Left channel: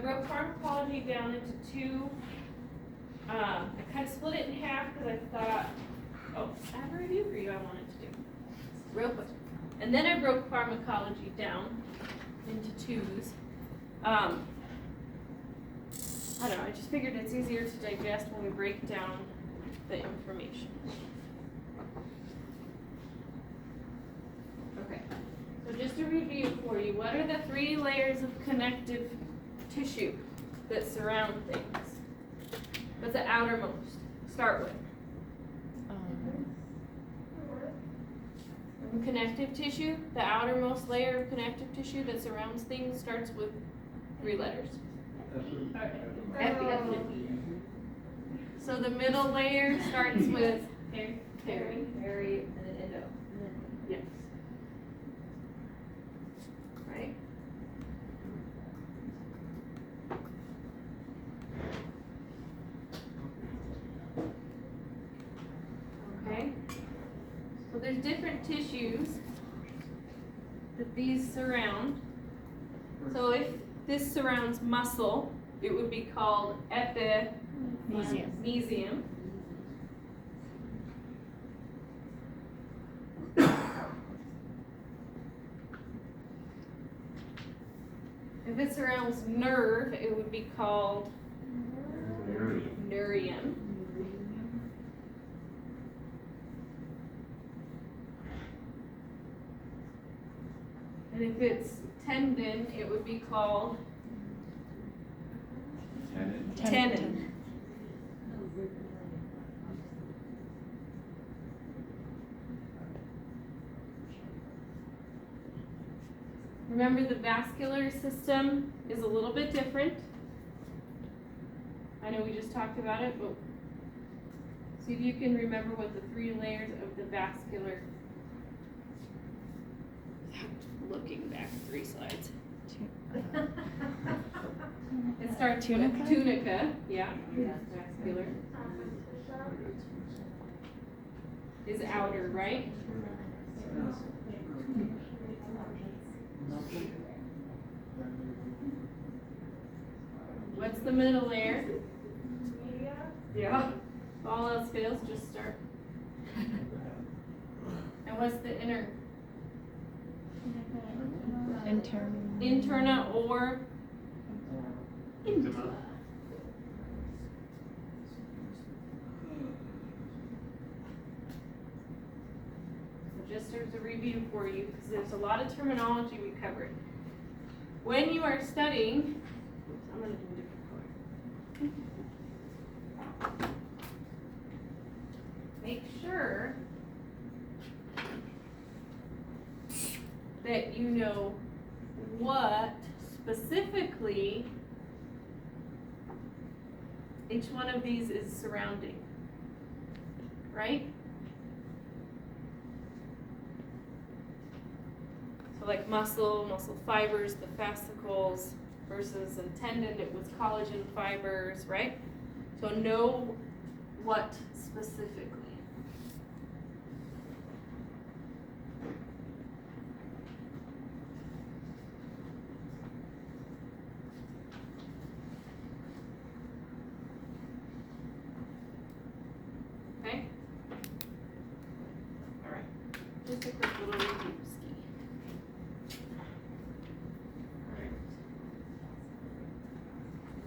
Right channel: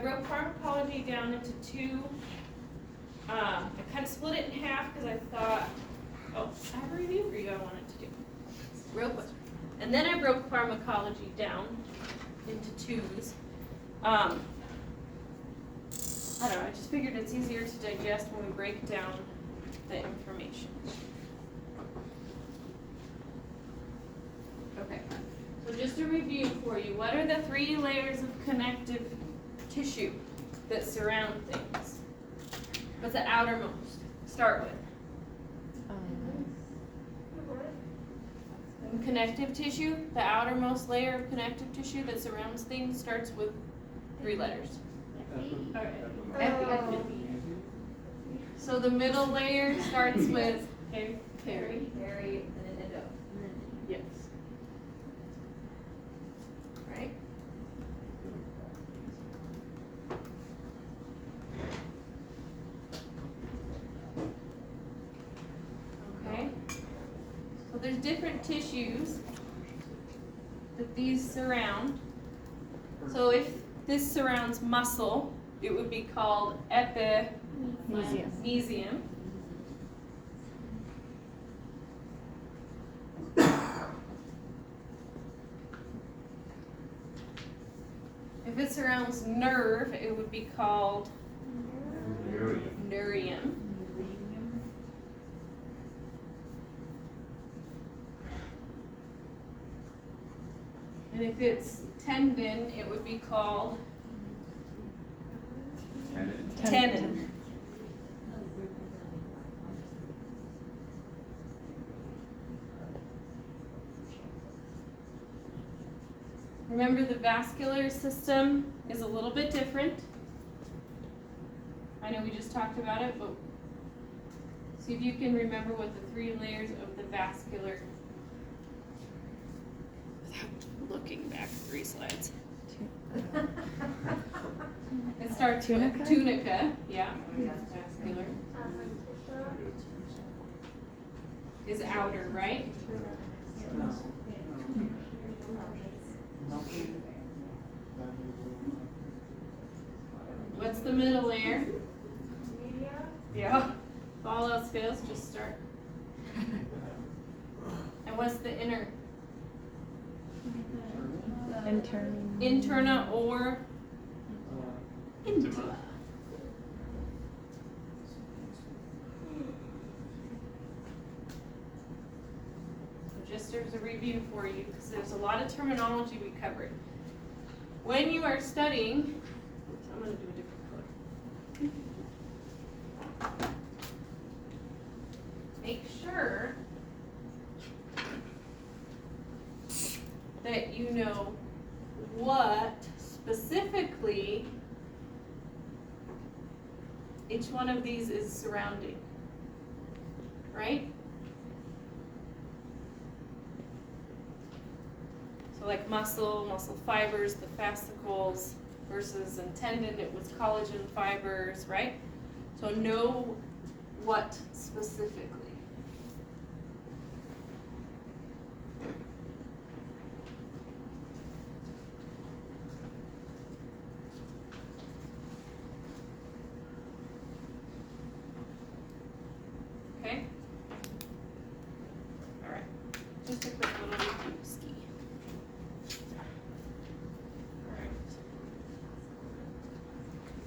broke pharmacology down into two. I kind of split it in half because I thought, oh, I have a review for you I wanted to do. Real quick. And then I broke pharmacology down into twos. I don't know, I just figured it's easier to digest when we break down the information. Okay, so just a review for you. What are the 3 layers of connective tissue that surround things? What's the outermost? Start with. Connective tissue, the outermost layer of connective tissue that surrounds things starts with 3 letters. Alright. So the middle layer starts with Harry, and then endo. yes. Right? Okay. So there's different tissues that these surround. So if this surrounds muscle, it would be called epimysium. If it surrounds nerve, it would be called neurium. And if it's tendon, it would be called tenon. Remember, the vascular system is a little bit different. I know we just talked about it, but see if you can remember what the 3 layers of the vascular, looking back 3 slides. It starts with tunica, yeah, vascular. Is outer, right? What's the middle layer? Media. Yeah. If all else fails, just start. And what's the inner? Interna or insula. So just as a review for you, because there's a lot of terminology we covered. When you are studying, I'm going to do a different color. Make sure that you know what specifically each one of these is surrounding, right? So like muscle fibers, the fascicles, versus in tendon it was collagen fibers, right? So know what specifically. Okay? Alright. Just a quick little review ski.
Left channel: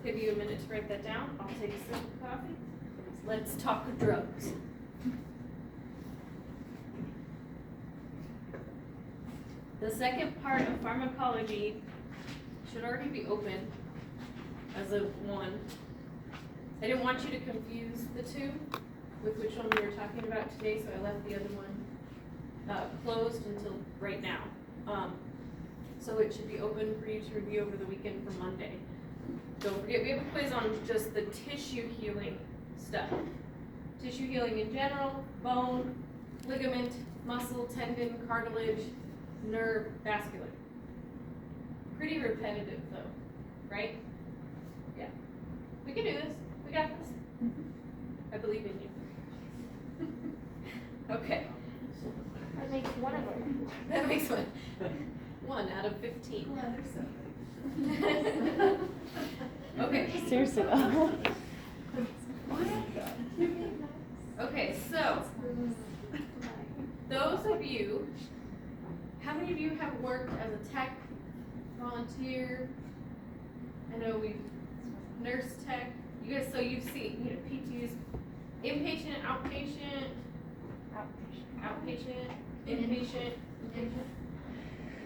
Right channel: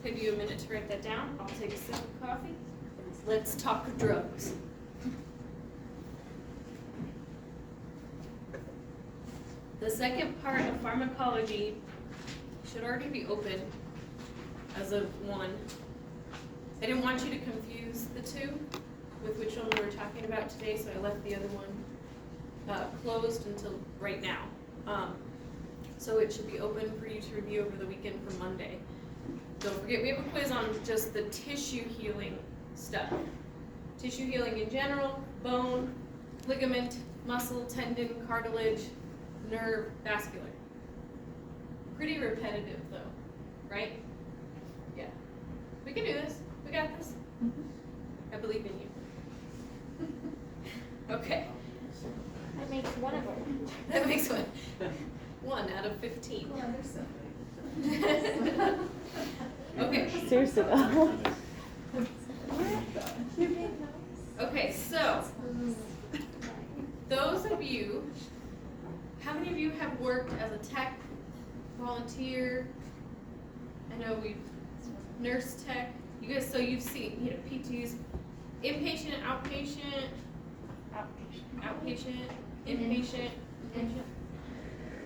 Give you a minute to write that down. I'll take a sip of coffee. Let's talk drugs. The second part of pharmacology should already be open as of 1. I didn't want you to confuse the 2 with which one we were talking about today, so I left the other one closed until right now. So it should be open for you to review over the weekend from Monday. Don't forget, we have a quiz on just the tissue healing stuff. Tissue healing in general, bone, ligament, muscle, tendon, cartilage, nerve, vascular. Pretty repetitive though, right? Yeah. We can do this. We got this. I believe in you. Okay. That makes one of them. That makes 1 out of 15. Well, there's somebody. seriously though. Okay, so, those of you, how many of you have worked as a tech, volunteer? I know nurse tech, you guys, so you've seen, PTs, inpatient, outpatient, inpatient.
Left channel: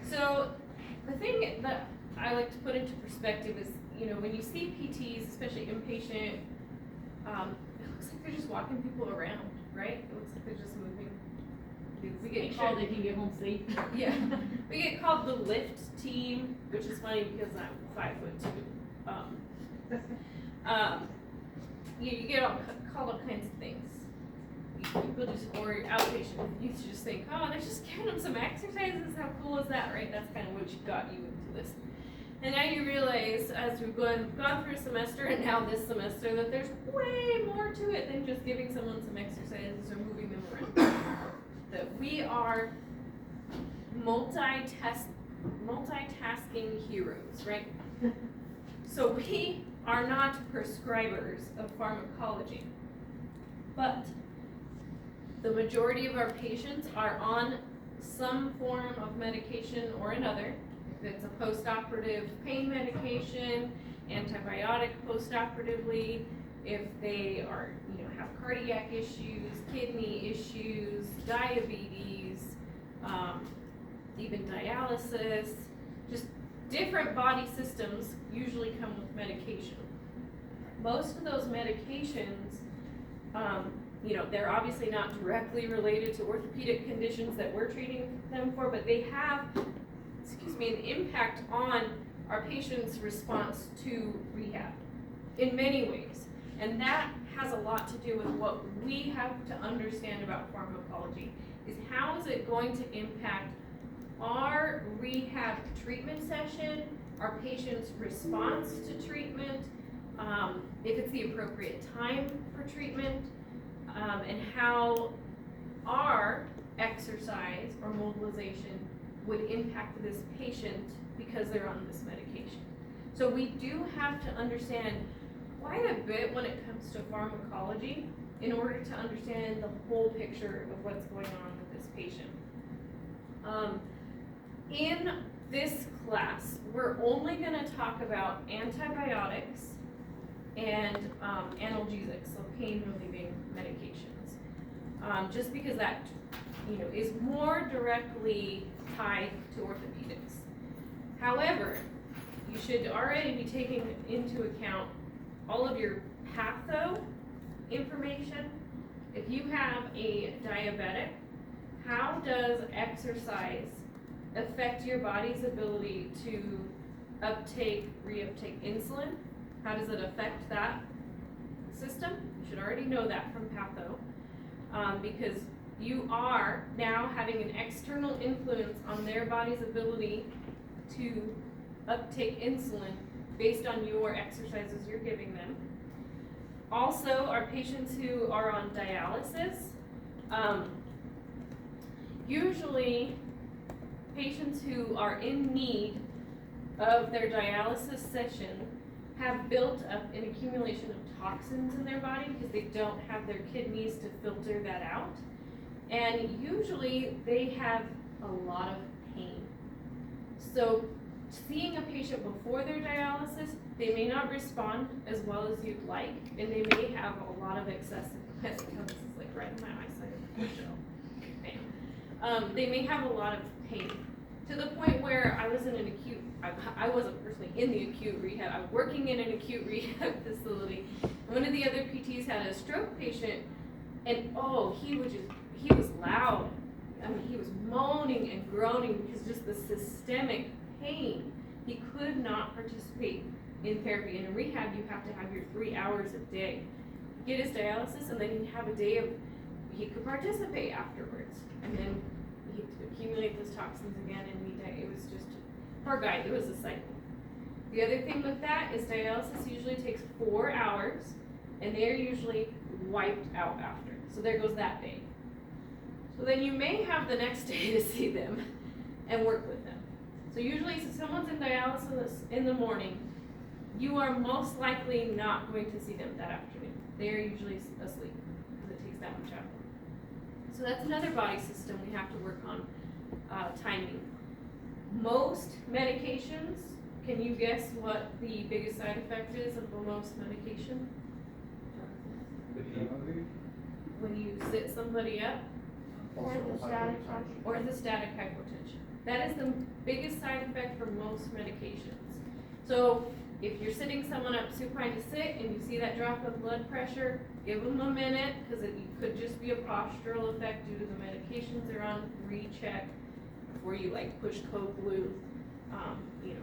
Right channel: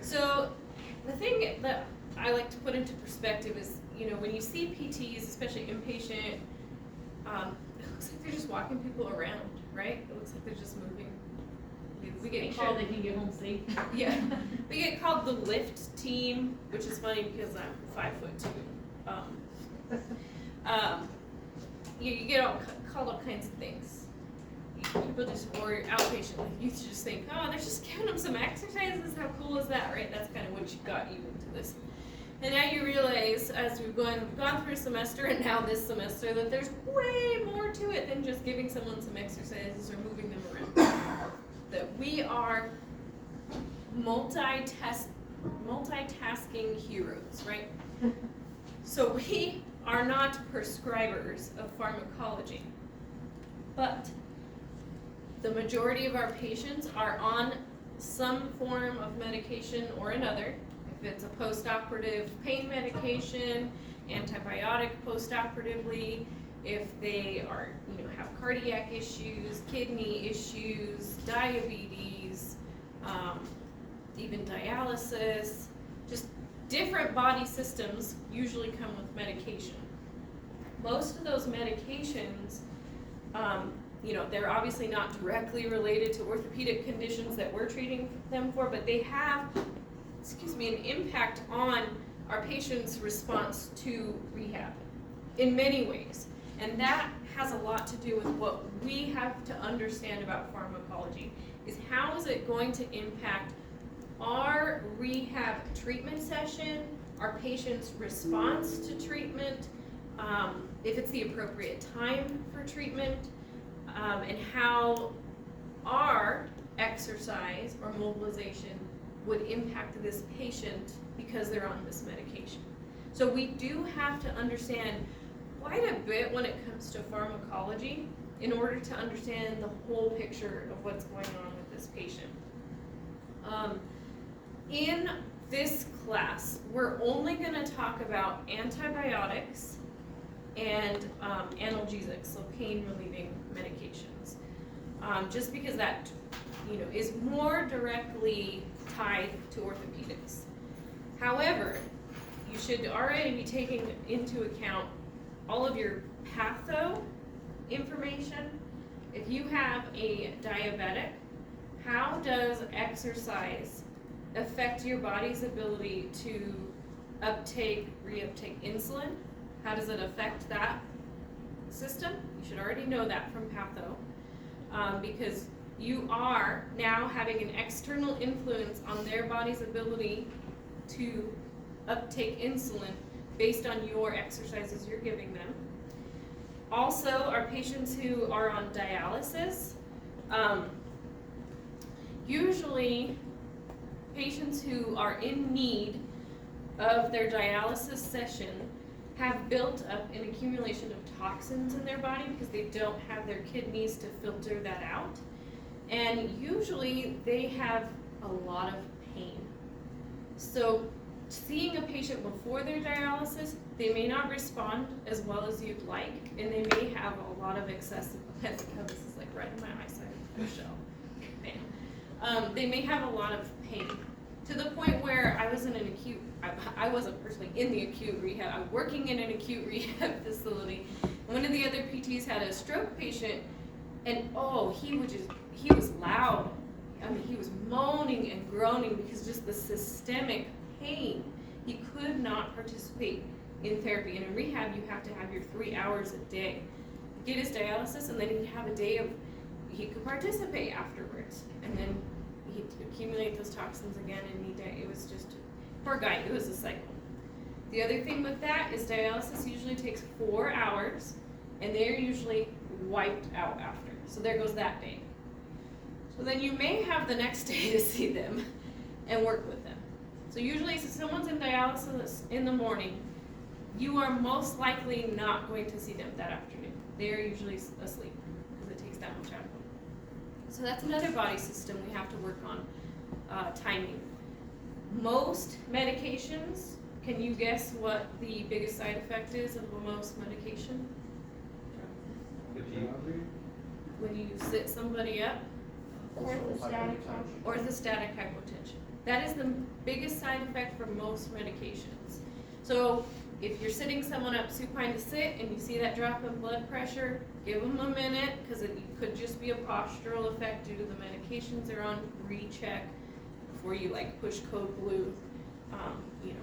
So, the thing that I like to put into perspective is, when you see PTs, especially inpatient, it looks like they're just walking people around, right? It looks like they're just moving. We get called, they can get home safe. yeah, we get called the lift team, which is funny because I'm 5'2". You get called all kinds of things. People just, or outpatient, you just think, oh, they're just giving them some exercises. How cool is that, right? That's kind of what got you into this. And now you realize, as we've gone through a semester and now this semester, that there's way more to it than just giving someone some exercises or moving them around. That we are multitasking heroes, right? So we are not prescribers of pharmacology, but the majority of our patients are on some form of medication or another. If it's a post-operative pain medication, antibiotic post-operatively, if they are, have cardiac issues, kidney issues, diabetes, even dialysis, just different body systems usually come with medication. Most of those medications, they're obviously not directly related to orthopedic conditions that we're treating them for, but they have, an impact on our patient's response to rehab in many ways. And that has a lot to do with what we have to understand about pharmacology, is how is it going to impact our rehab treatment session, our patient's response to treatment, if it's the appropriate time for treatment, and how our exercise or mobilization would impact this patient because they're on this medication. So we do have to understand quite a bit when it comes to pharmacology in order to understand the whole picture of what's going on with this patient. In this class, we're only going to talk about antibiotics and analgesics, so pain-relieving medications, just because that is more directly tied to orthopedics. However, you should already be taking into account all of your patho information. If you have a diabetic, how does exercise affect your body's ability to reuptake insulin? How does it affect that system? You should already know that from patho, because you are now having an external influence on their body's ability to uptake insulin based on your exercises you're giving them. Also, our patients who are on dialysis, usually patients who are in need of their dialysis session have built up an accumulation of toxins in their body because they don't have their kidneys to filter that out. And usually they have a lot of pain. So seeing a patient before their dialysis, they may not respond as well as you'd like, and they may have a lot of excessive, this is like right in my eyesight, Michelle. They may have a lot of pain to the point where I wasn't personally in the acute rehab. I'm working in an acute rehab facility. One of the other PTs had a stroke patient, and he was loud. I mean, he was moaning and groaning because just the systemic pain. He could not participate in therapy. And in rehab, you have to have your 3 hours a day. Get his dialysis, and then he'd have a day of, he could participate afterwards. And then he'd accumulate those toxins again, and it was just, poor guy, it was a cycle. The other thing with that is dialysis usually takes 4 hours, and they're usually wiped out after. So there goes that day. So then you may have the next day to see them and work with them. So usually, if someone's in dialysis in the morning, you are most likely not going to see them that afternoon. They are usually asleep because it takes that much out of them. So that's another body system we have to work on, timing. Most medications, can you guess what the biggest side effect is of most medication? When you sit somebody up? Orthostatic hypotension. That is the biggest side effect for most medications. So if you're sitting someone up supine to sit and you see that drop in blood pressure, give them a minute, because it could just be a postural effect due to the medications they're on. Recheck before you like push code blue.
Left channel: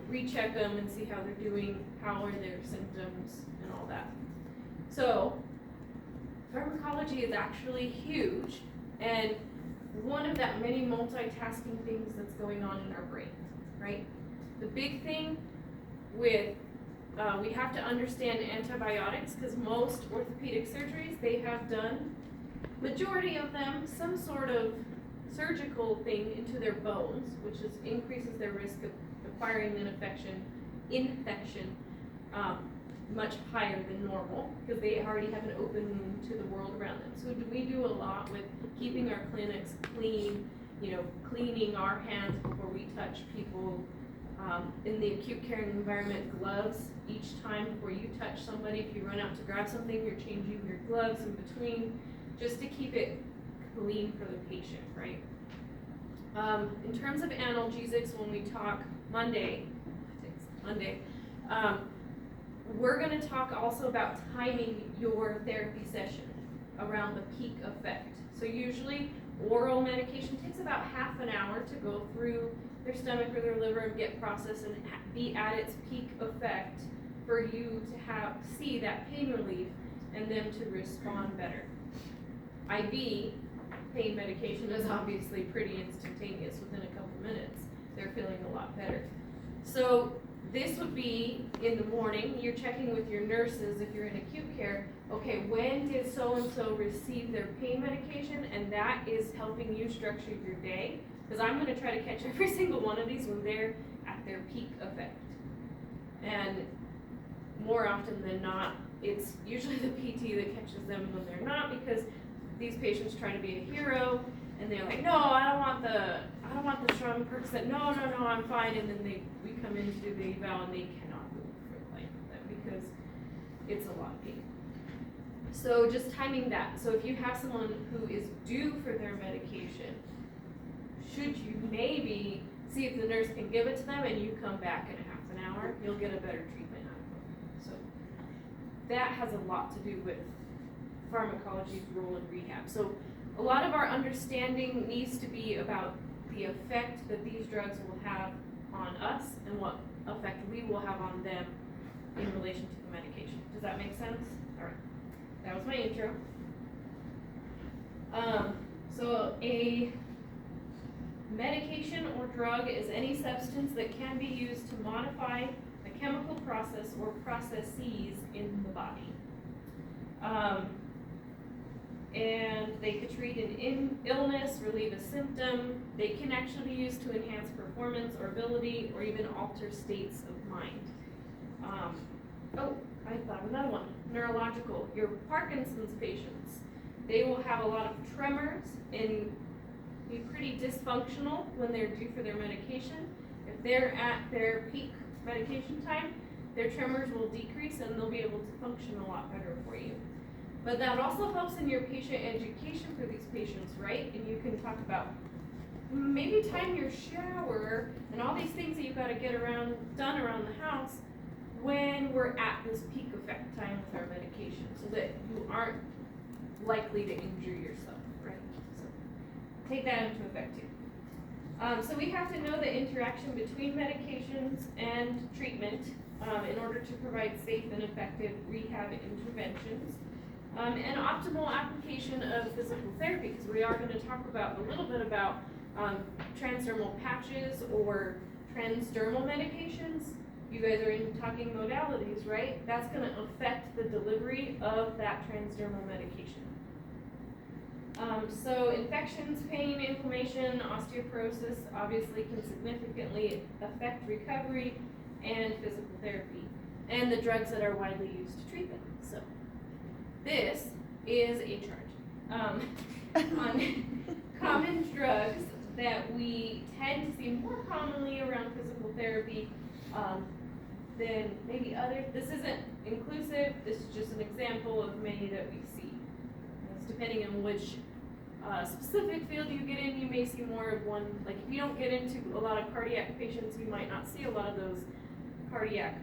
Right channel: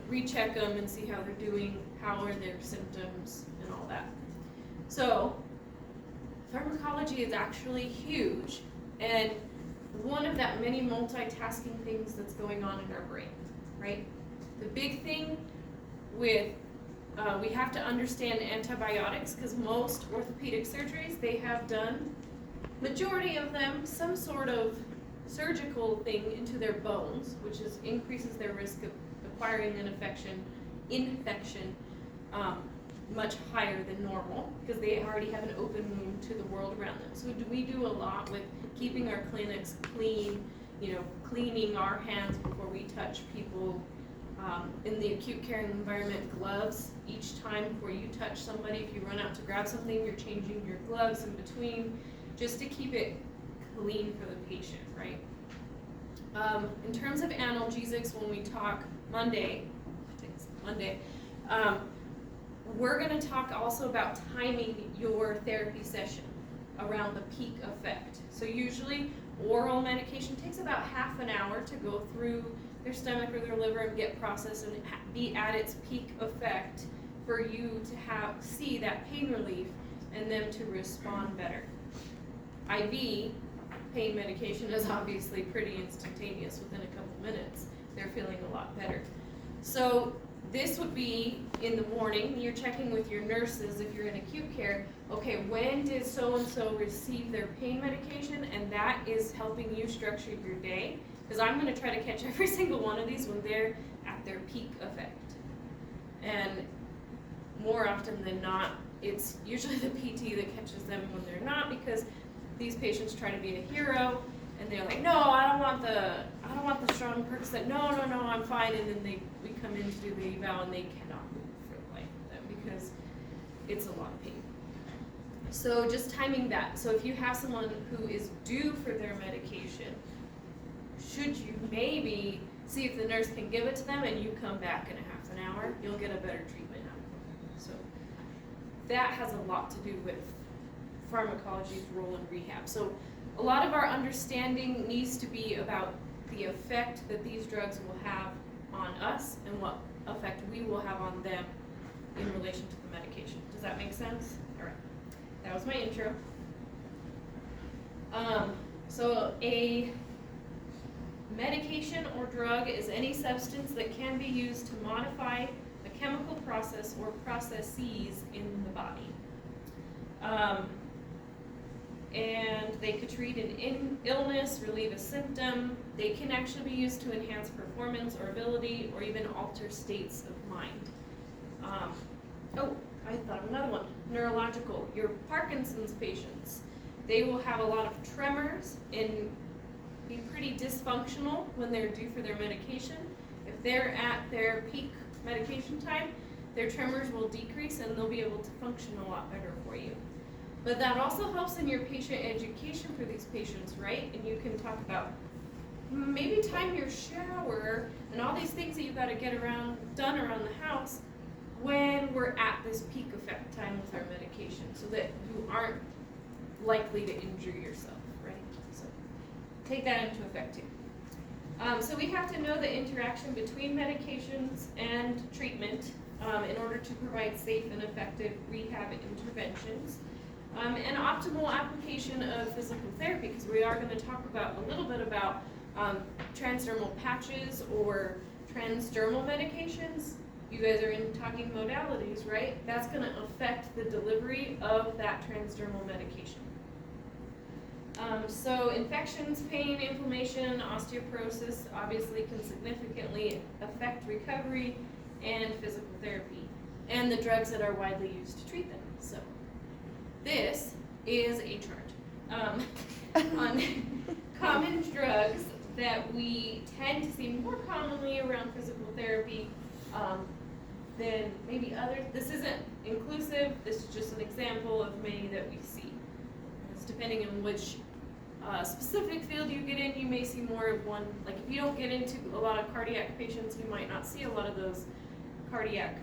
Recheck them and see how they're doing, how are their symptoms and all that. So pharmacology is actually huge, and one of that many multitasking things that's going on in our brain, right? The big thing with, we have to understand antibiotics, because most orthopedic surgeries, they have done, majority of them, some sort of surgical thing into their bones, which increases their risk of acquiring an infection much higher than normal, because they already have an open wound to the world around them. So we do a lot with keeping our clinics clean, cleaning our hands before we touch people. In the acute care environment, gloves each time before you touch somebody. If you run out to grab something, you're changing your gloves in between, just to keep it clean for the patient, right? In terms of analgesics, when we talk Monday, we're going to talk also about timing your therapy session around the peak effect. So usually oral medication takes about half an hour to go through their stomach or their liver and get processed and be at its peak effect for you to see that pain relief and them to respond better. IV pain medication is obviously pretty instantaneous. Within a couple minutes, they're feeling a lot better. So this would be in the morning. You're checking with your nurses if you're in acute care. Okay, when did so-and-so receive their pain medication? And that is helping you structure your day. Because I'm going to try to catch every single one of these when they're at their peak effect. And more often than not, it's usually the PT that catches them when they're not, because these patients try to be a hero, and they're like, no, I don't want the strong Percocet. No, I'm fine. And then we come in to do the eval, and they cannot move for the life of them because it's a lot of pain. So just timing that. So if you have someone who is due for their medication, should you maybe see if the nurse can give it to them, and you come back in a half an hour, you'll get a better treatment out of them. So that has a lot to do with pharmacology's role in rehab. So a lot of our understanding needs to be about the effect that these drugs will have on us and what effect we will have on them in relation to the medication. Does that make sense? All right. That was my intro. So a medication or drug is any substance that can be used to modify a chemical process or processes in the body. And they could treat an illness, relieve a symptom. They can actually be used to enhance performance or ability, or even alter states of mind. I thought of another one. Neurological. Your Parkinson's patients, they will have a lot of tremors and be pretty dysfunctional when they're due for their medication. If they're at their peak medication time, their tremors will decrease and they'll be able to function a lot better for you. But that also helps in your patient education for these patients, right? And you can talk about maybe time your shower and all these things that you've got to get done around the house when we're at this peak effect time with our medication, so that you aren't likely to injure yourself, right? So take that into effect too. So we have to know the interaction between medications and treatment in order to provide safe and effective rehab interventions. And optimal application of physical therapy, because we are going to talk about a little bit about transdermal patches or transdermal medications. You guys are in talking modalities, right? That's going to affect the delivery of that transdermal medication. So infections, pain, inflammation, osteoporosis obviously can significantly affect recovery and physical therapy. and the drugs that are widely used to treat them. So this is a chart on common drugs that we tend to see more commonly around physical therapy than maybe others. This isn't inclusive, this is just an example of many that we see. It's depending on which specific field you get in, you may see more of one. Like if you don't get into a lot of cardiac patients, you might not see a lot of those cardiac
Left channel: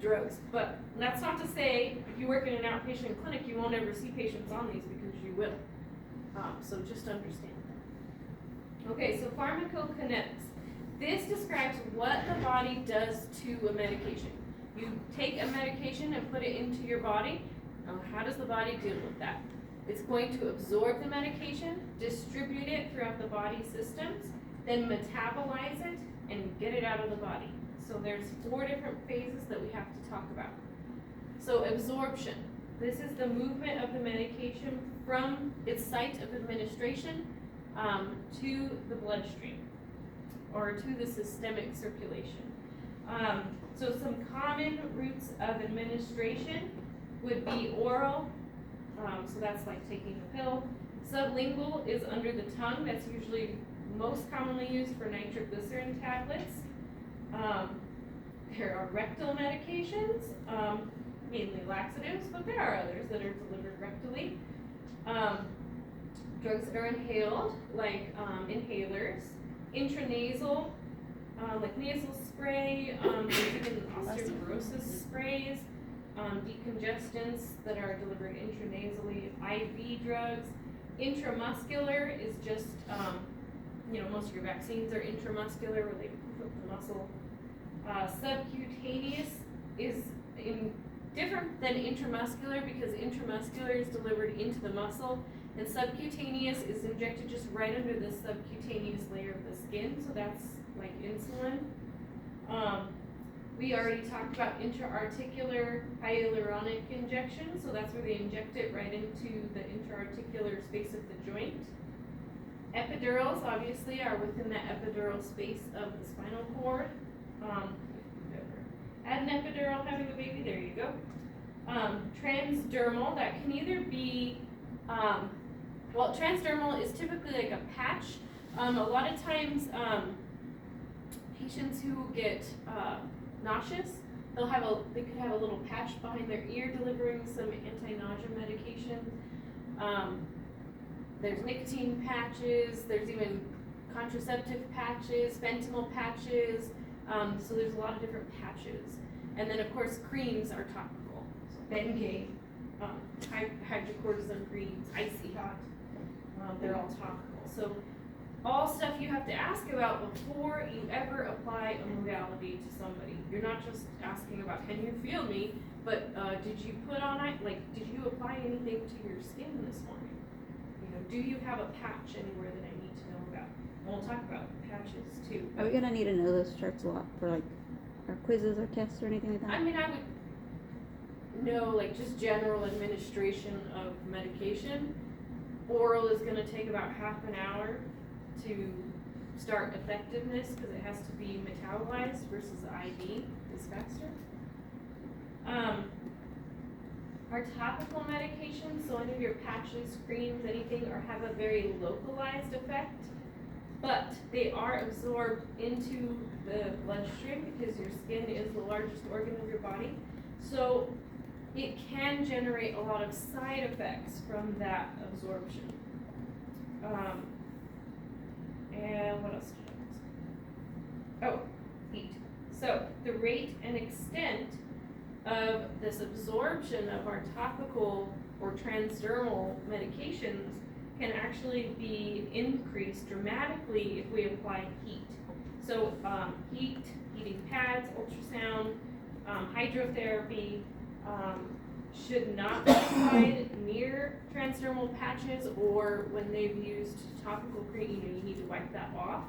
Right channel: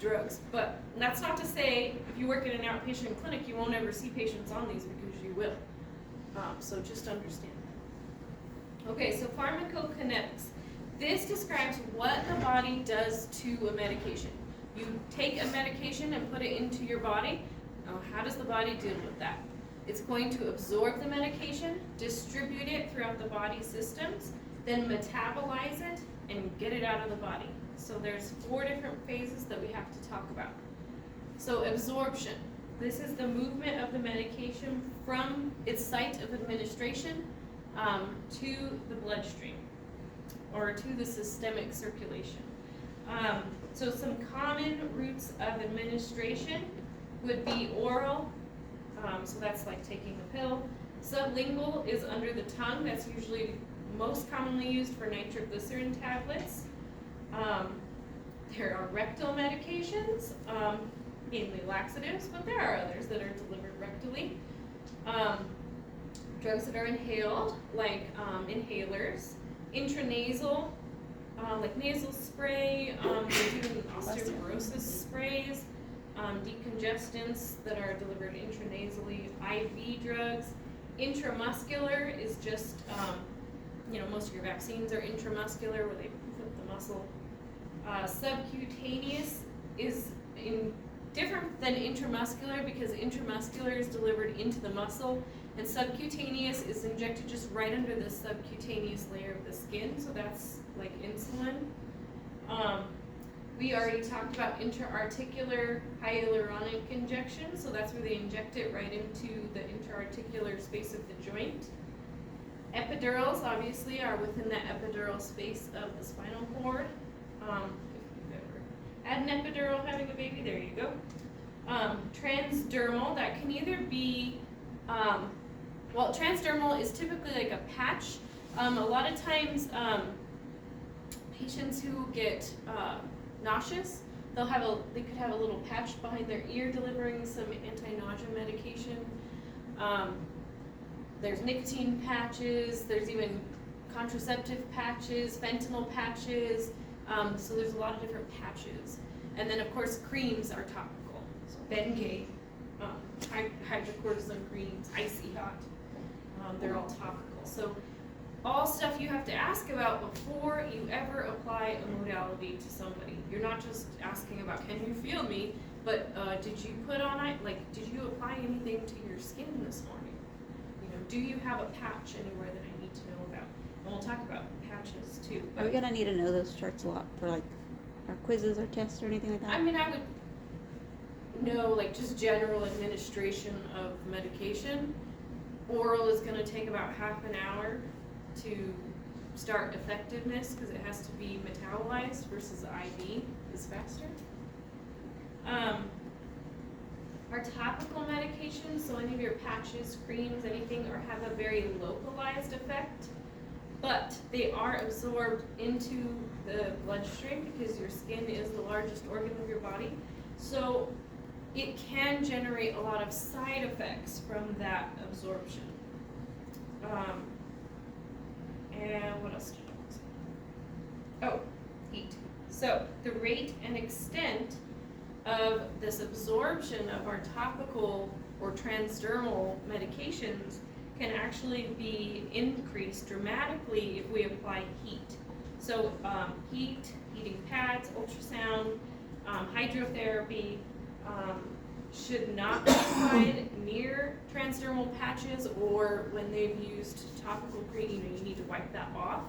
drugs. But that's not to say if you work in an outpatient clinic, you won't ever see patients on these, because you will. So just understand that. Okay, so pharmacokinetics. This describes what the body does to a medication. You take a medication and put it into your body. How does the body deal with that? It's going to absorb the medication, distribute it throughout the body systems, then metabolize it and get it out of the body. So there's 4 different phases that we have to talk about. So absorption. This is the movement of the medication from its site of administration to the bloodstream, or to the systemic circulation. So some common routes of administration would be oral, so that's like taking a pill. Sublingual is under the tongue, that's usually most commonly used for nitroglycerin tablets. There are rectal medications, mainly laxatives, but there are others that are delivered rectally. Drugs that are inhaled, like inhalers. Intranasal, like nasal spray, even osteoporosis sprays, decongestants that are delivered intranasally, IV drugs. Intramuscular is just, most of your vaccines are intramuscular, where they poof up the muscle. Subcutaneous is different than intramuscular, because intramuscular is delivered into the muscle, and subcutaneous is injected just right under the subcutaneous layer of the skin, so that's like insulin. We already talked about intra-articular hyaluronic injection, so that's where they inject it right into the intra-articular space of the joint. Epidurals obviously are within the epidural space of the spinal cord. If you've ever had an epidural having a baby, there you go. Transdermal, that can either be, transdermal is typically like a patch. A lot of times, patients who get nauseous, they could have a little patch behind their ear delivering some anti-nausea medication. There's nicotine patches, there's even contraceptive patches, fentanyl patches, so there's a lot of different patches. And then of course creams are topical, so Bengay, hydrocortisone creams, icy hot, they're all topical. So all stuff you have to ask about before you ever apply a modality to somebody. You're not just asking about, can you feel me, but did you put on it, did you apply anything to your skin this morning? Do you have a patch anywhere that I need to know about? And we'll talk about patches too. Are we gonna need to know those charts a lot for our quizzes or tests or anything like that? I mean, I would know just general administration of medication. Oral is gonna take about half an hour to start effectiveness, because it has to be metabolized, versus IV is faster. Our topical medications, so any of your patches, creams, anything, have a very localized effect, but they are absorbed into the bloodstream, because your skin is the largest organ of your body. So it can generate a lot of side effects from that absorption. And what else did I say? Oh, heat. So the rate and extent of this absorption of our topical or transdermal medications can actually be increased dramatically if we apply heat. So heating pads, ultrasound, hydrotherapy should not be applied near transdermal patches, or when they've used topical cream, you need to wipe that off.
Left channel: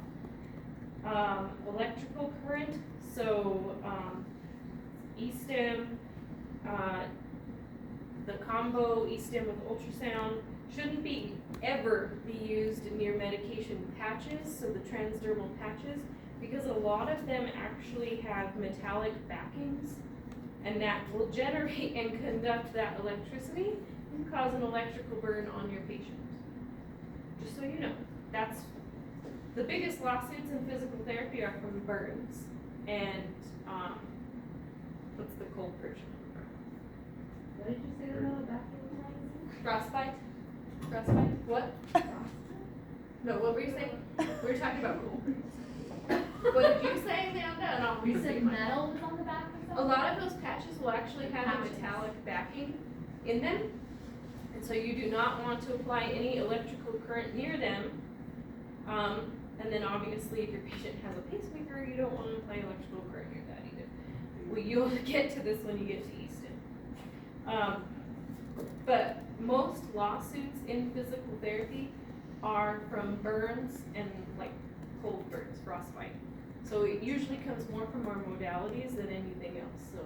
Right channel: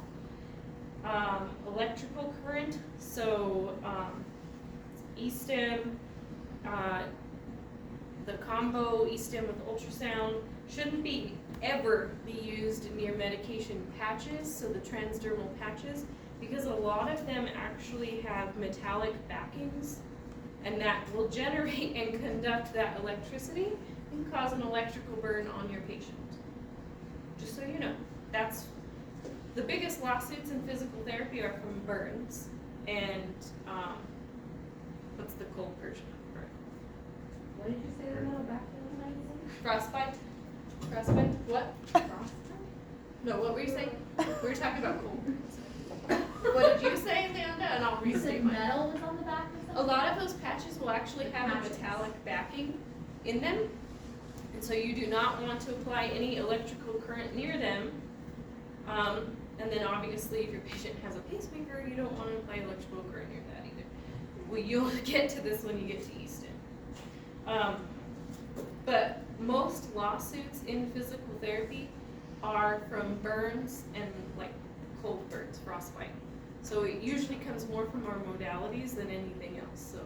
Electrical current, so E-stim, the combo E-stim with ultrasound shouldn't ever be used near medication patches, so the transdermal patches, because a lot of them actually have metallic backings and that will generate and conduct that electricity and cause an electrical burn on your patient. Just so you know, that's, the biggest lawsuits in physical therapy are from burns and, what's the cold version of burn? What did you say on the back of the magazine? Frostbite? Frostbite? What? No, what were you saying? We were talking about cold burns. What did you say, Amanda? And I'll You restate said mine. metal was on the back or A something? lot of those patches will actually have a Patches. metallic backing in them. And so you do not want to apply any electrical current near them. And then obviously if your patient has a pacemaker, you don't want to apply electrical current near that either. Well, you'll get to this when you get to Easton. But most lawsuits in physical therapy are from burns and like cold burns, frostbite. So it usually comes more from our modalities than anything else. So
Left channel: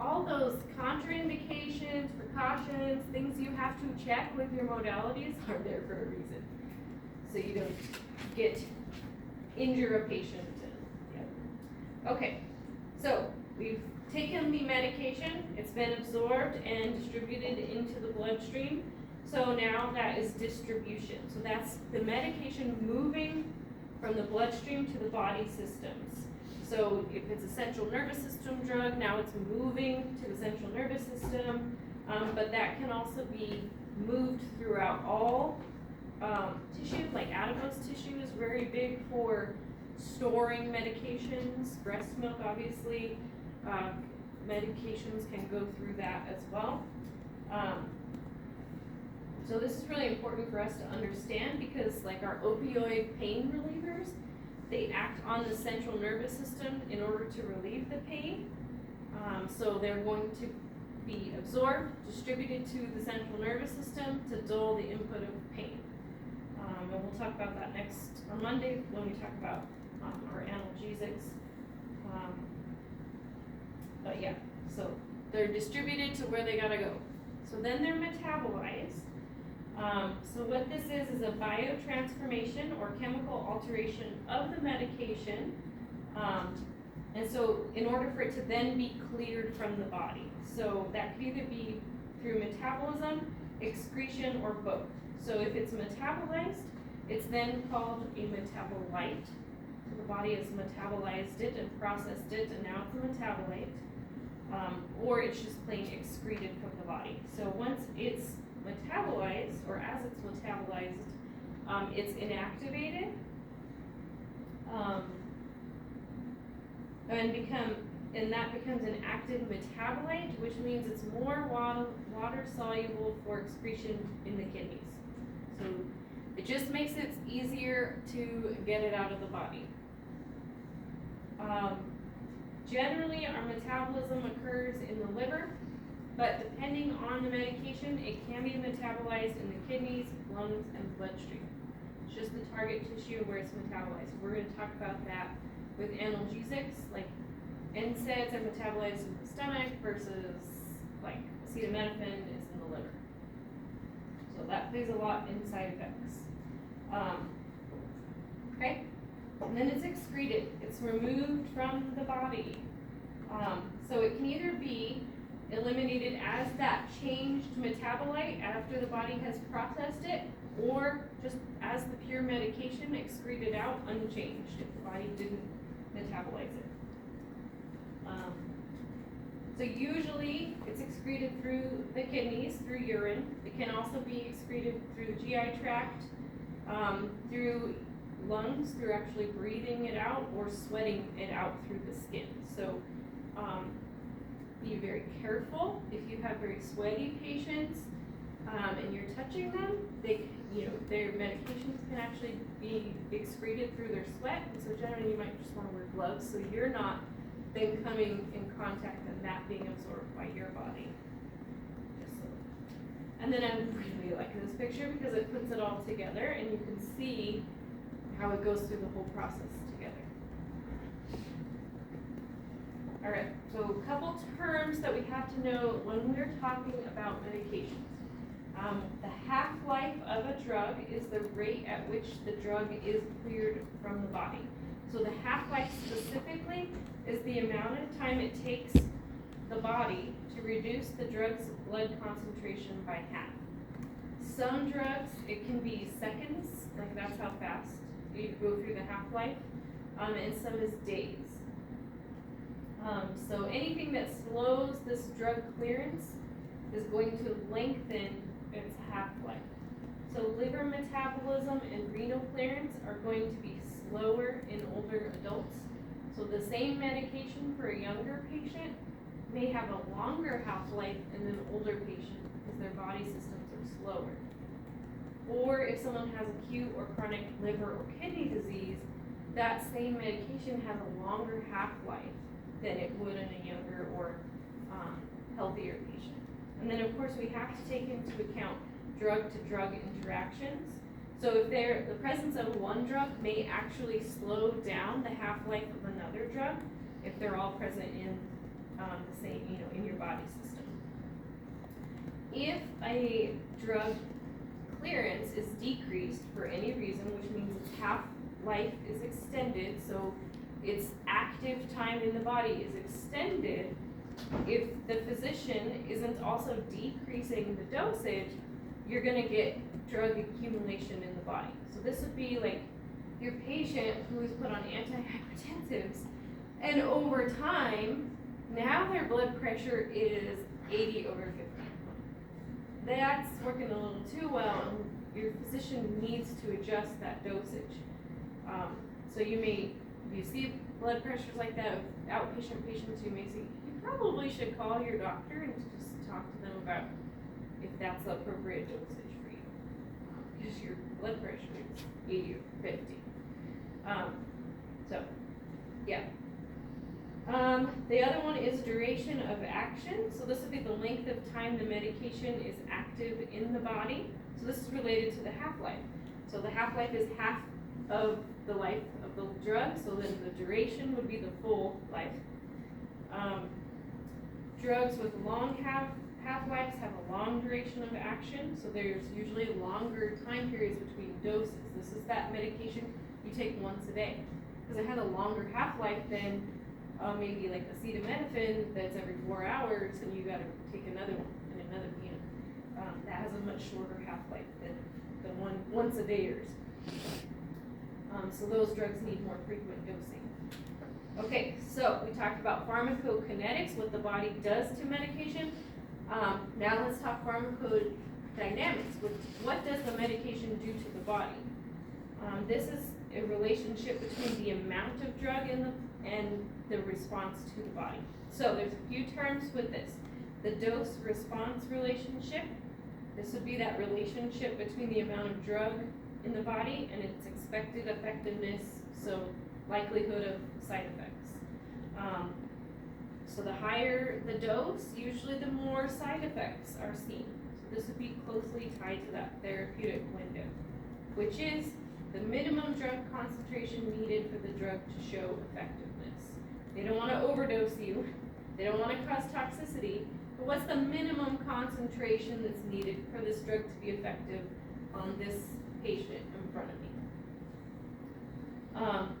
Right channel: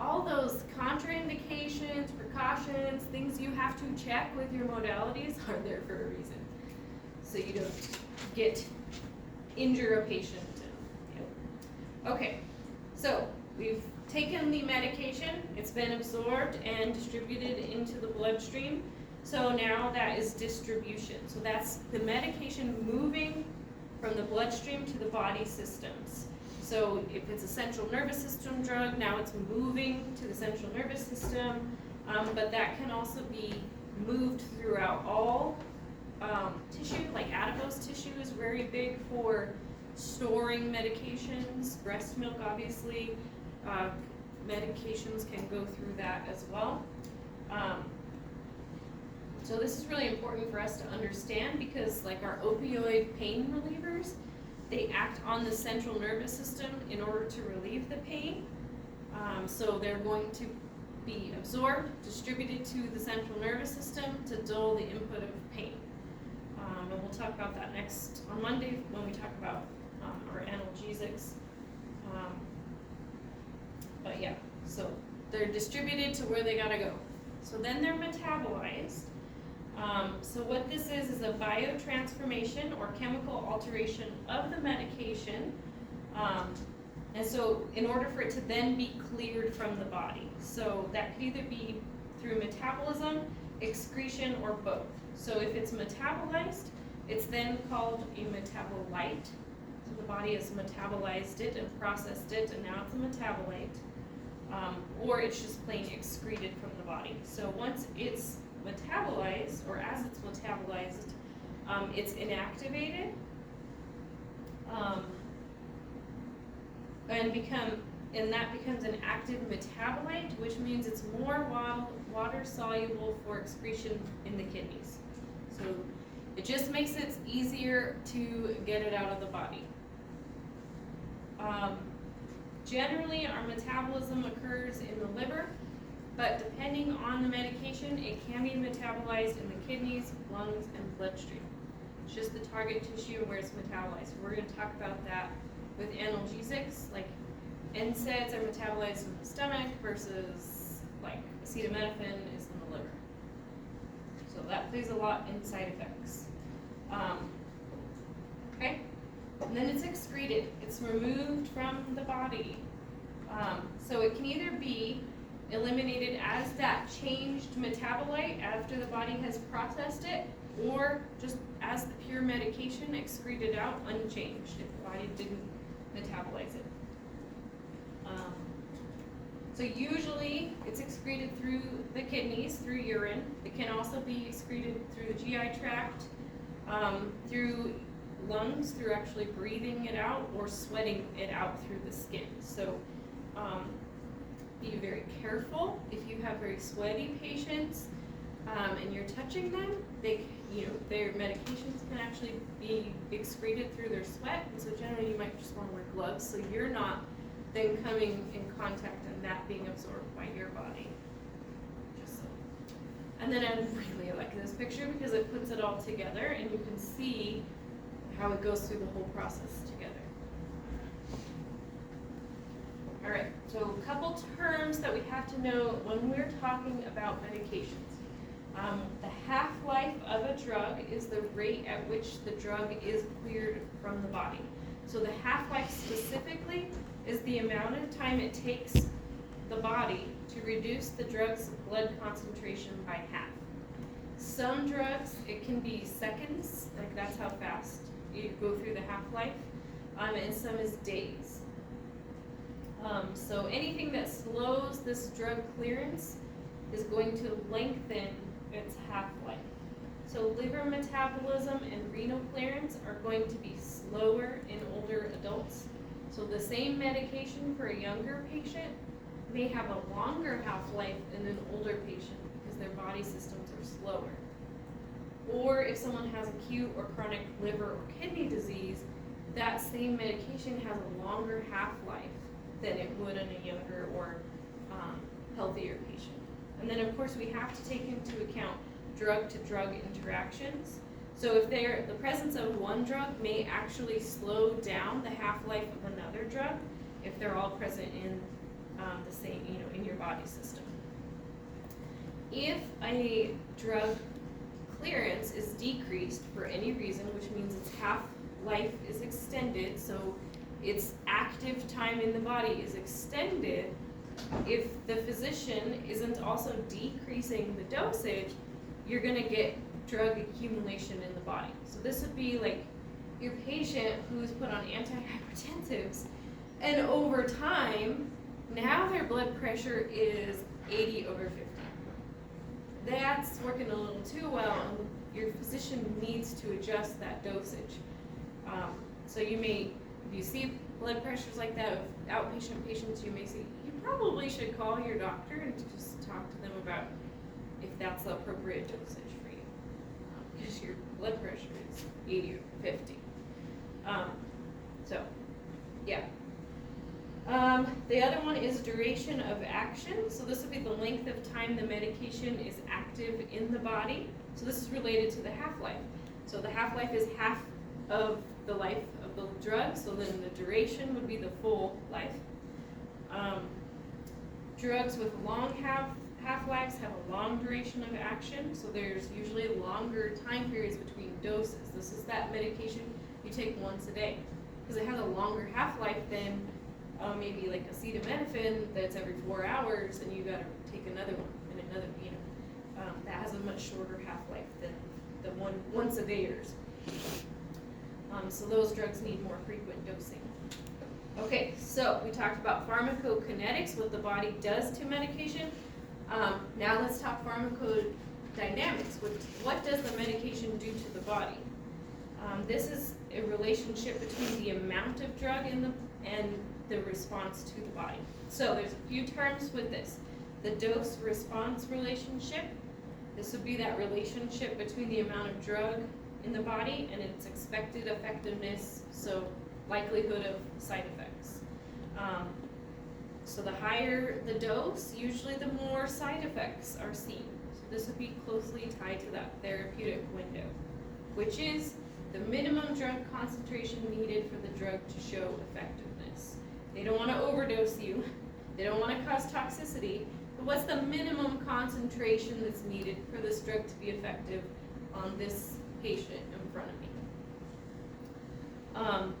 all those contraindications, precautions, things you have to check with your modalities are there for a reason. So you don't injure a patient. Okay, so we've taken the medication, it's been absorbed and distributed into the bloodstream. So now that is distribution. So that's the medication moving from the bloodstream to the body systems. So if it's a central nervous system drug, now it's moving to the central nervous system, but that can also be moved throughout all tissue, like adipose tissue is very big for storing medications. Breast milk, obviously, medications can go through that as well. So this is really important for us to understand because like our opioid pain relievers, they act on the central nervous system in order to relieve the pain. So they're going to be absorbed, distributed to the central nervous system to dull the input of pain. And we'll talk about that next on Monday when we talk about our analgesics. But yeah, so they're distributed to where they gotta go. So then they're metabolized. So what this is a biotransformation or chemical alteration of the medication. And so in order for it to then be cleared from the body. So that could either be through metabolism, excretion, or both. So if it's metabolized, it's then called a metabolite. So the body has metabolized it and processed it, and now it's a metabolite. Or it's just plain excreted from the body. So once it's metabolized, or as it's metabolized, it's inactivated, and that becomes an active metabolite, which means it's more water soluble for excretion in the kidneys. So it just makes it easier to get it out of the body. Generally, our metabolism occurs in the liver, but depending on the medication, it can be metabolized in the kidneys, lungs, and bloodstream. It's just the target tissue where it's metabolized. We're going to talk about that with analgesics, like NSAIDs are metabolized in the stomach versus like acetaminophen is in the liver. So that plays a lot in side effects. Okay, and then it's excreted. It's removed from the body. So it can either be eliminated as that changed metabolite after the body has processed it, or just as the pure medication excreted out unchanged if the body didn't metabolize it. So usually it's excreted through the kidneys, through urine. It can also be excreted through the GI tract, through lungs, through actually breathing it out, or sweating it out through the skin. So be very careful if you have very sweaty patients and you're touching them. Their medications can actually be excreted through their sweat, and so generally you might just want to wear gloves so you're not then coming in contact and that being absorbed by your body. And then I really like this picture because it puts it all together and you can see how it goes through the whole process together. All right, so a couple terms that we have to know when we're talking about medications. The half-life of a drug is the rate at which the drug is cleared from the body. So the half-life specifically is the amount of time it takes the body reduce the drug's blood concentration by half. Some drugs, it can be seconds, like that's how fast you go through the half-life, and some is days. So anything that slows this drug clearance is going to lengthen its half-life. So liver metabolism and renal clearance are going to be slower in older adults. So the same medication for a younger patient may have a longer half-life in an older patient because their body systems are slower. Or if someone has acute or chronic liver or kidney disease, that same medication has a longer half-life than it would in a younger or healthier patient. And then of course we have to take into account drug-to-drug interactions. So if the presence of one drug may actually slow down the half-life of another drug if they're all present in the same, in your body system. If a drug clearance is decreased for any reason, which means its half-life is extended, so its active time in the body is extended, if the physician isn't also decreasing the dosage, you're gonna get drug accumulation in the body. So this would be like your patient who's put on antihypertensives, and over time, now their blood pressure is 80/50. That's working a little too well, and your physician needs to adjust that dosage. So if you see blood pressures like that of outpatient patients, you may say, you probably should call your doctor and just talk to them about if that's the appropriate dosage for you. Because your blood pressure is 80/50. So, yeah. The other one is duration of action. So this would be the length of time the medication is active in the body. So this is related to the half-life. So the half-life is half of the life of the drug, so then the duration would be the full life. Drugs with long half-lives have a long duration of action, so there's usually longer time periods between doses. This is that medication you take once a day, because it has a longer half-life than maybe like acetaminophen that's every 4 hours, and you gotta take another one and another, that has a much shorter half-life than the one once a dayers. So those drugs need more frequent dosing. Okay, so we talked about pharmacokinetics, what the body does to medication. Now let's talk pharmacodynamics. What does the medication do to the body? This is a relationship between the amount of drug and the response to the body. So there's a few terms with this. The dose-response relationship. This would be that relationship between the amount of drug in the body and its expected effectiveness, so likelihood of side effects. So the higher the dose, usually the more side effects are seen. So this would be closely tied to that therapeutic window, which is the minimum drug concentration needed for the drug to show effectiveness. They don't want to overdose you. They don't want to cause toxicity. But what's the minimum concentration that's needed for this drug to be effective on this patient in front of me?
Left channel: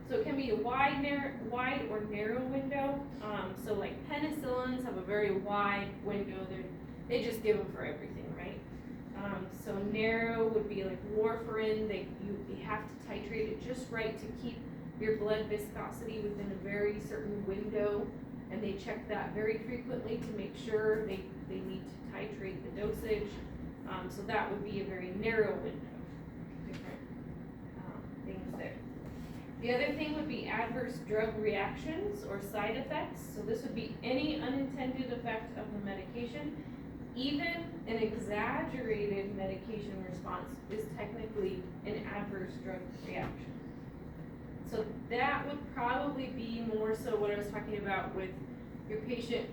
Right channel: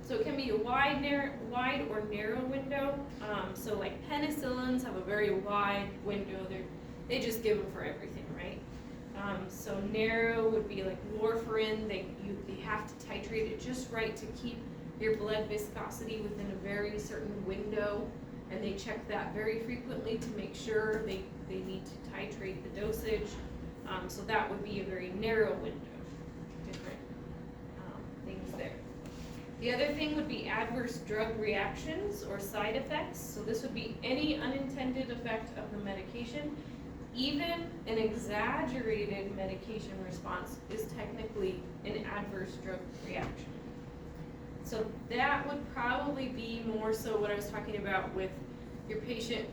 So it can be a wide or narrow window. So like penicillins have a very wide window. They just give them for everything, right? So narrow would be like warfarin. You have to titrate it just right to keep your blood viscosity within a very certain window, and they check that very frequently to make sure they need to titrate the dosage. So that would be a very narrow window. Different things there. The other thing would be adverse drug reactions or side effects. So this would be any unintended effect of the medication. Even an exaggerated medication response is technically an adverse drug reaction. So that would probably be more so what I was talking about with your patient.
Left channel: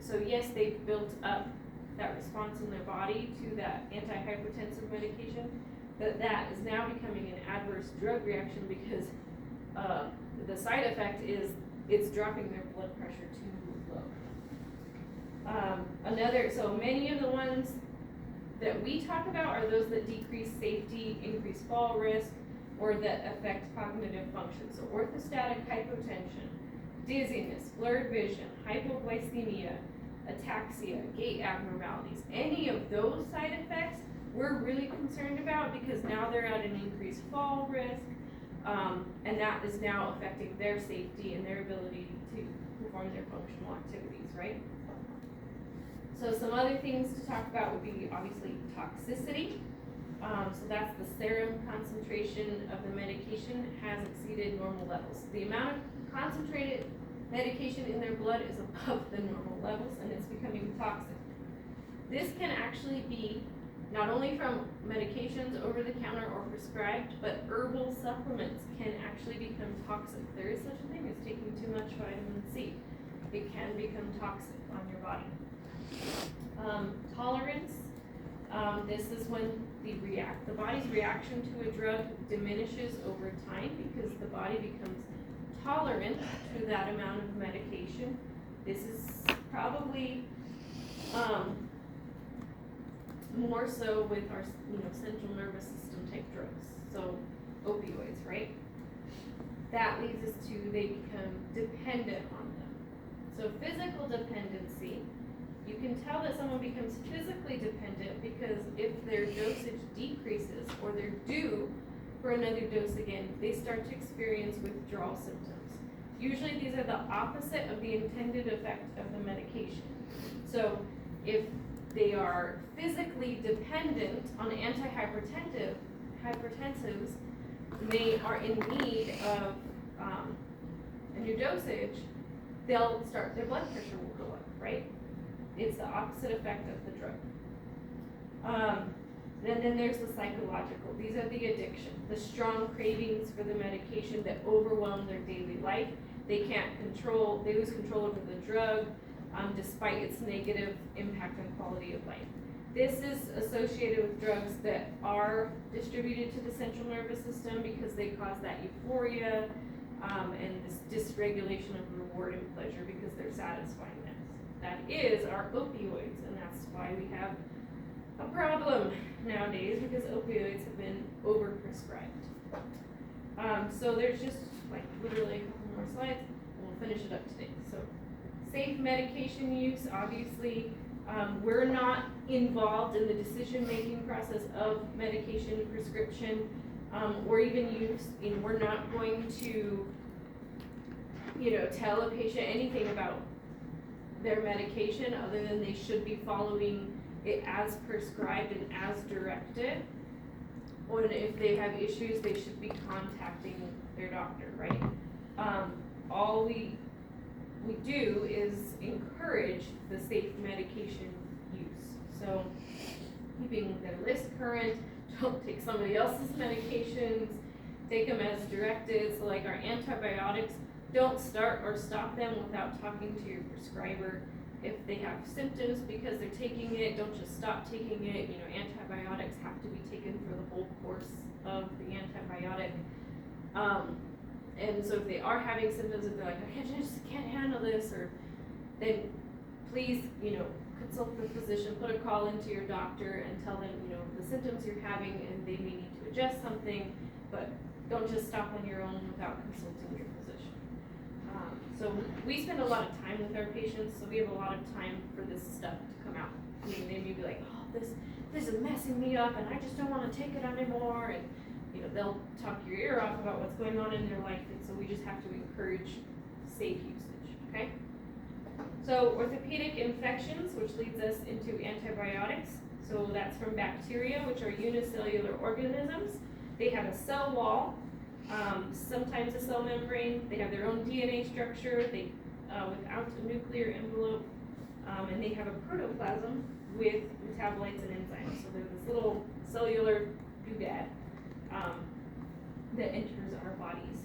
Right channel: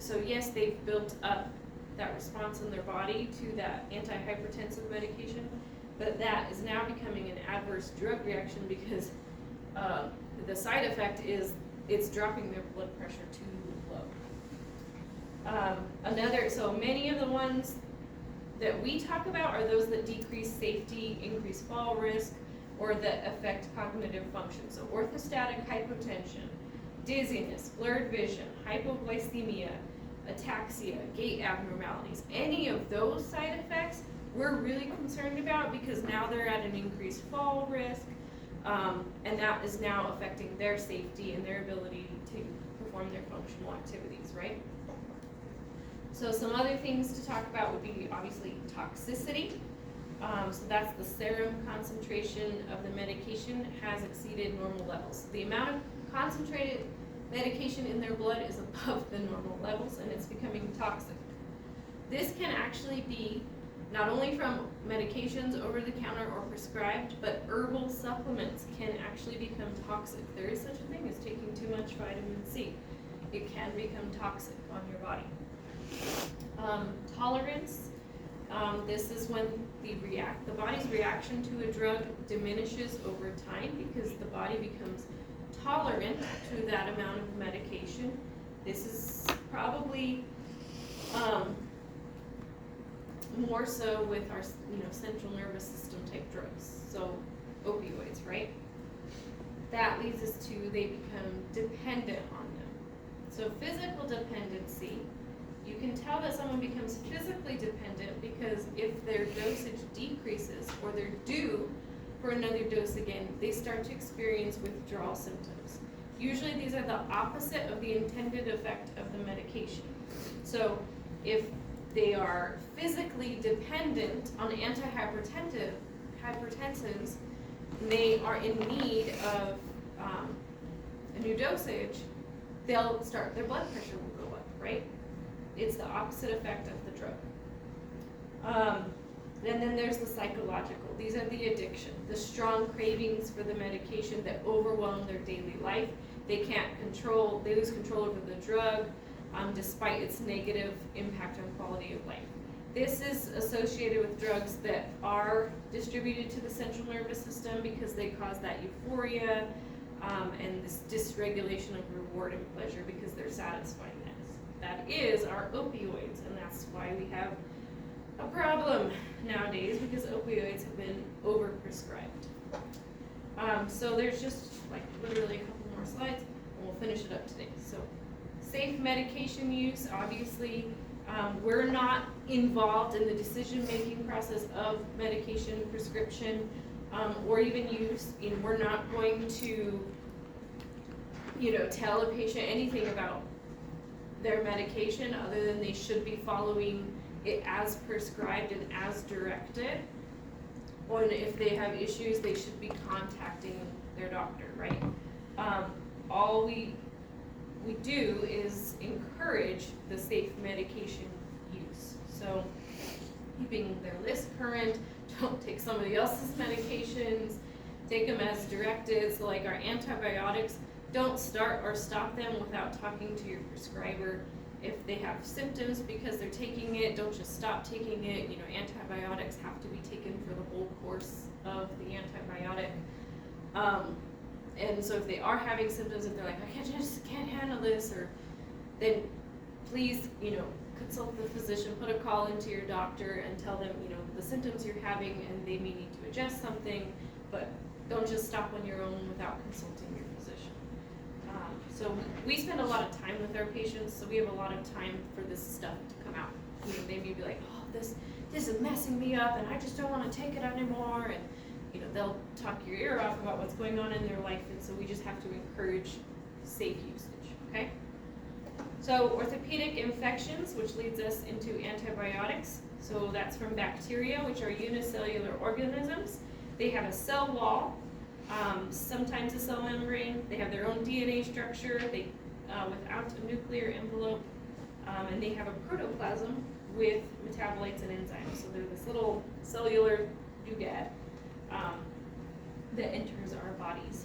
So yes, they've built up that response in their body to that antihypertensive medication, but that is now becoming an adverse drug reaction because the side effect is it's dropping their blood pressure too low. So many of the ones that we talk about are those that decrease safety, increase fall risk, or that affect cognitive function. So orthostatic hypotension, dizziness, blurred vision, hypoglycemia, ataxia, gait abnormalities, any of those side effects, we're really concerned about because now they're at an increased fall risk, and that is now affecting their safety and their ability to perform their functional activities, right? So some other things to talk about would be obviously toxicity. So that's the serum concentration of the medication has exceeded normal levels. The amount of concentrated medication in their blood is above the normal levels and it's becoming toxic. This can actually be not only from medications over the counter or prescribed, but herbal supplements can actually become toxic. There is such a thing as taking too much vitamin C. It can become toxic on your body. Tolerance, this is when the body's reaction to a drug diminishes over time because the body becomes tolerant to that amount of medication. This is probably more so with our central nervous system type drugs, so opioids, right? That leads us to they become dependent on them. So physical dependency, you can tell that someone becomes physically dependent because if their dosage decreases or they're due for another dose again, they start to experience withdrawal symptoms. Usually these are the opposite of the intended effect of the medication. So if they are physically dependent on antihypertensives, and they are in need of a new dosage, their blood pressure will go up, right? It's the opposite effect of the drug. And then there's the psychological. These are the addiction, the strong cravings for the medication that overwhelm their daily life. They lose control over the drug despite its negative impact on quality of life. This is associated with drugs that are distributed to the central nervous system because they cause that euphoria and this dysregulation of reward and pleasure because they're satisfying this. That is our opioids, and that's why we have a problem nowadays because opioids have been overprescribed. So there's just like literally a couple more slides and we'll finish it up today. So safe medication use, obviously we're not involved in the decision-making process of medication prescription or even use. We're not going to tell a patient anything about their medication other than they should be following it as prescribed and as directed. And if they have issues, they should be contacting their doctor, right? All we do is encourage the safe medication use. So keeping their list current, don't take somebody else's medications, take them as directed. So like our antibiotics, don't start or stop them without talking to your prescriber. If they have symptoms because they're taking it, don't just stop taking it. Antibiotics have to be taken for the whole course of the antibiotic. And so if they are having symptoms and they're like, I just can't handle this, or then please, consult the physician, put a call into your doctor and tell them, the symptoms you're having and they may need to adjust something, but don't just stop on your own without consulting your physician. So we spend a lot of time with our patients, so we have a lot of time for this stuff to come out. They may be like, oh, this is messing me up and I just don't want to take it anymore, and they'll talk your ear off about what's going on in their life, and so we just have to encourage safe usage, okay? So orthopedic infections, which leads us into antibiotics. So that's from bacteria, which are unicellular organisms. They have a cell wall, sometimes a cell membrane. They have their own DNA structure, without a nuclear envelope, and they have a protoplasm with metabolites and enzymes. So they're this little cellular doodad that enters our bodies.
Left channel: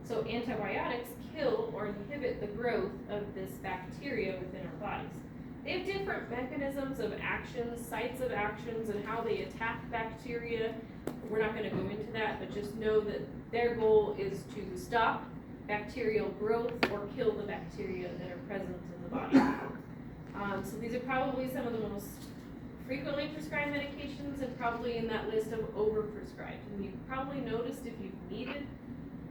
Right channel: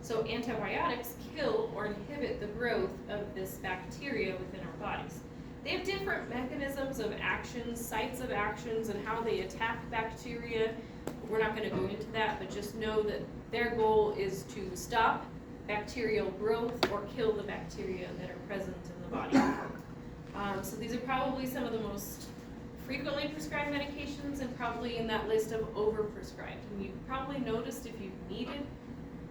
So antibiotics kill or inhibit the growth of this bacteria within our bodies. They have different mechanisms of actions, sites of actions, and how they attack bacteria. We're not going to go into that, but just know that their goal is to stop bacterial growth or kill the bacteria that are present in the body. So these are probably some of the most frequently prescribed medications and probably in that list of overprescribed. And you've probably noticed if you've needed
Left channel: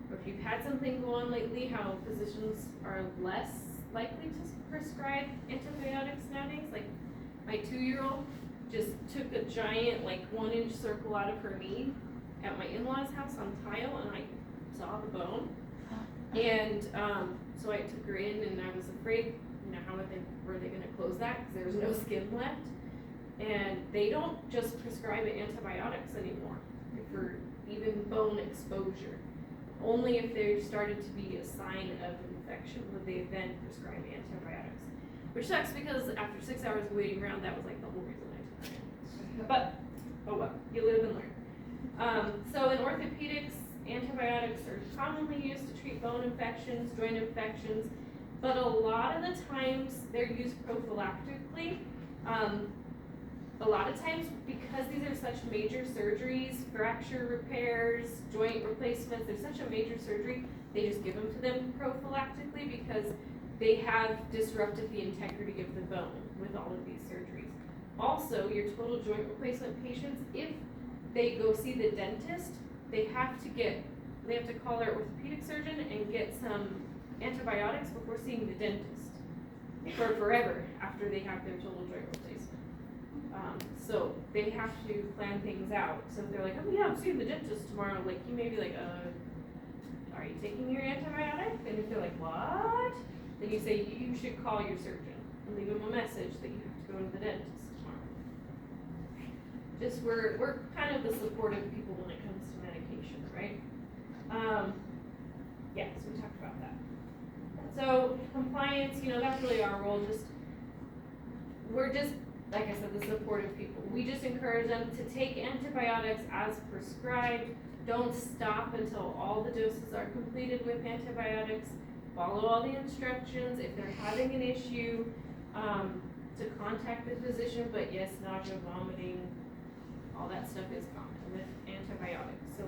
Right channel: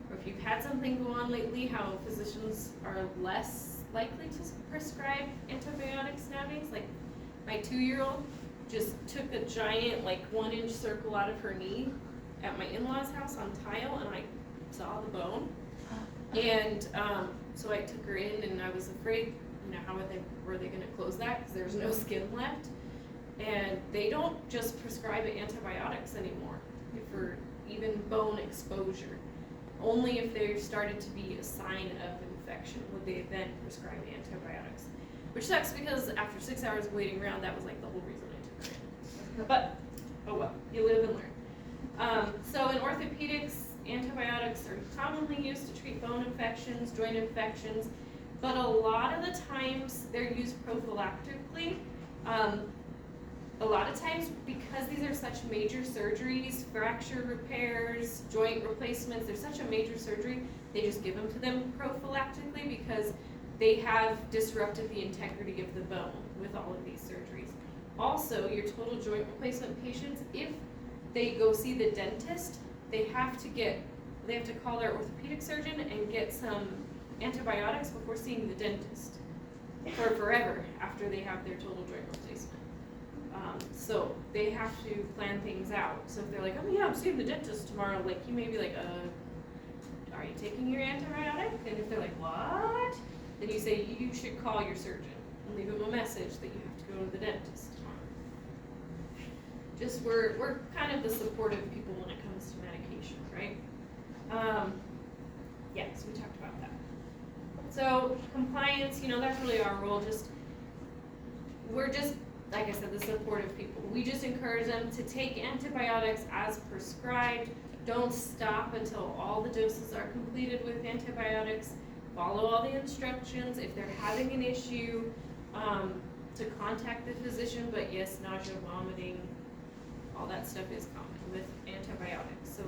or if you've had something go on lately, how physicians are less likely to prescribe antibiotics nowadays. My 2-year-old just took a giant, like 1-inch circle out of her knee at my in-laws' house on tile, and I saw the bone. And so I took her in, and I was afraid, you know, were they gonna close that, because there was no skin left. And they don't just prescribe antibiotics anymore for even bone exposure. Only if there started to be a sign of infection would they then prescribe antibiotics. Which sucks, because after 6 hours of waiting around, that was like the whole reason I took it. But, oh well, you live and learn. So in orthopedics, antibiotics are commonly used to treat bone infections, joint infections, but a lot of the times they're used prophylactically. A lot of times, because these are such major surgeries, fracture repairs, joint replacements, they're such a major surgery, they just give them to them prophylactically because they have disrupted the integrity of the bone with all of these surgeries. Also, your total joint replacement patients, if they go see the dentist, they have to call their orthopedic surgeon and get some antibiotics before seeing the dentist for forever after they have their total joint replacement. So they have to plan things out. So if they're like, oh yeah, I'm seeing the dentist tomorrow, like you may be like, are you taking your antibiotic? And if they're like, what? Then you say you should call your surgeon and leave them a message that you have to go to the dentist tomorrow. Just we're kind of the supportive people when it comes to medication, right? Yeah, so we talked about that. So compliance, that's really our role. We're just, like I said, the supportive people. We just encourage them to take antibiotics as prescribed. Don't stop until all the doses are completed with antibiotics. Follow all the instructions. If they're having an issue, to contact the physician. But yes, nausea, vomiting, all that stuff is common with antibiotics. So,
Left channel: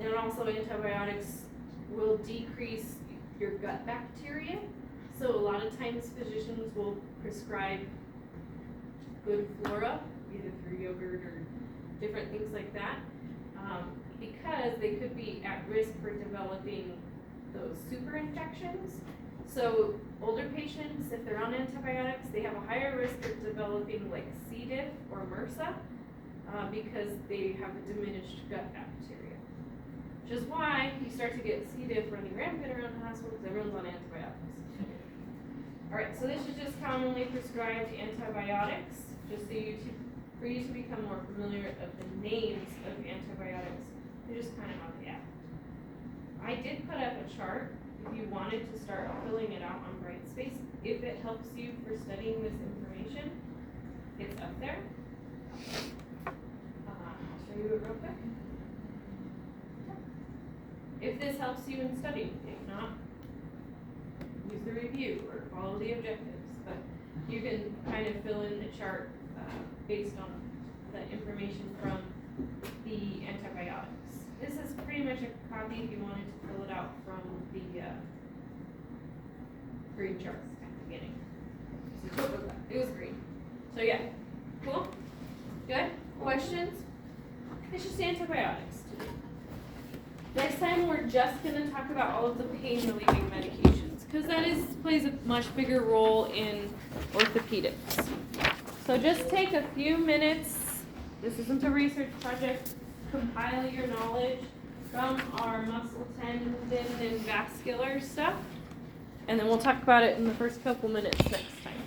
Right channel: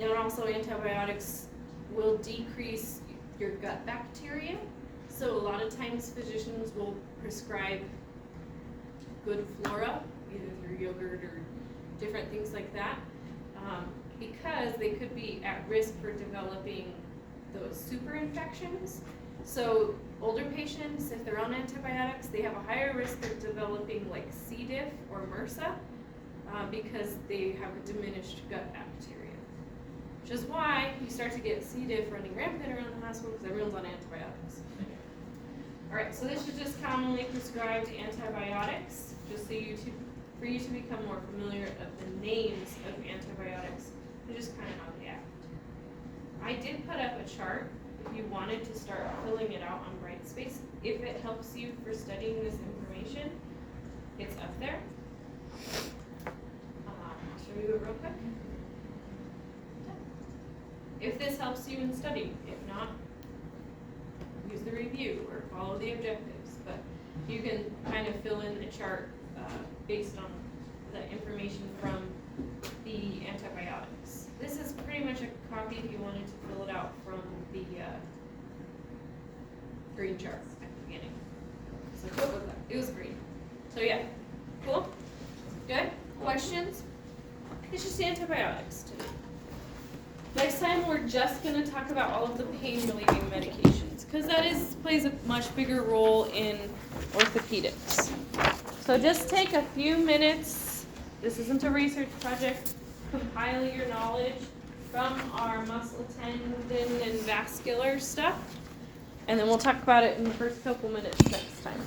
and also antibiotics will decrease your gut bacteria. So a lot of times physicians will prescribe good flora, either through yogurt or different things like that, because they could be at risk for developing those super infections. So older patients, if they're on antibiotics, they have a higher risk of developing like C. diff or MRSA because they have a diminished gut bacteria. Which is why you start to get C. diff running rampant around the hospital because everyone's on antibiotics. Alright, so this is just commonly prescribed antibiotics, just so for you to become more familiar of the names of antibiotics and just kind of how they act. I did put up a chart if you wanted to start filling it out on Brightspace. If it helps you for studying this information, it's up there. Show you it real quick. If this helps you in studying, if not, use the review or follow the objectives. But you can kind of fill in the chart based on the information from the antibiotics. This is pretty much a copy if you wanted to fill it out from the green chart at the beginning. So it was green. So yeah, cool? Good? Questions? It's just antibiotics today. Next time we're just going to talk about all of the pain relieving medications because that plays a much bigger role in orthopedics. So just take a few minutes. This isn't a research project. Compile your knowledge from our muscle, tendon, and vascular stuff. And then we'll talk about it in the first couple minutes next time.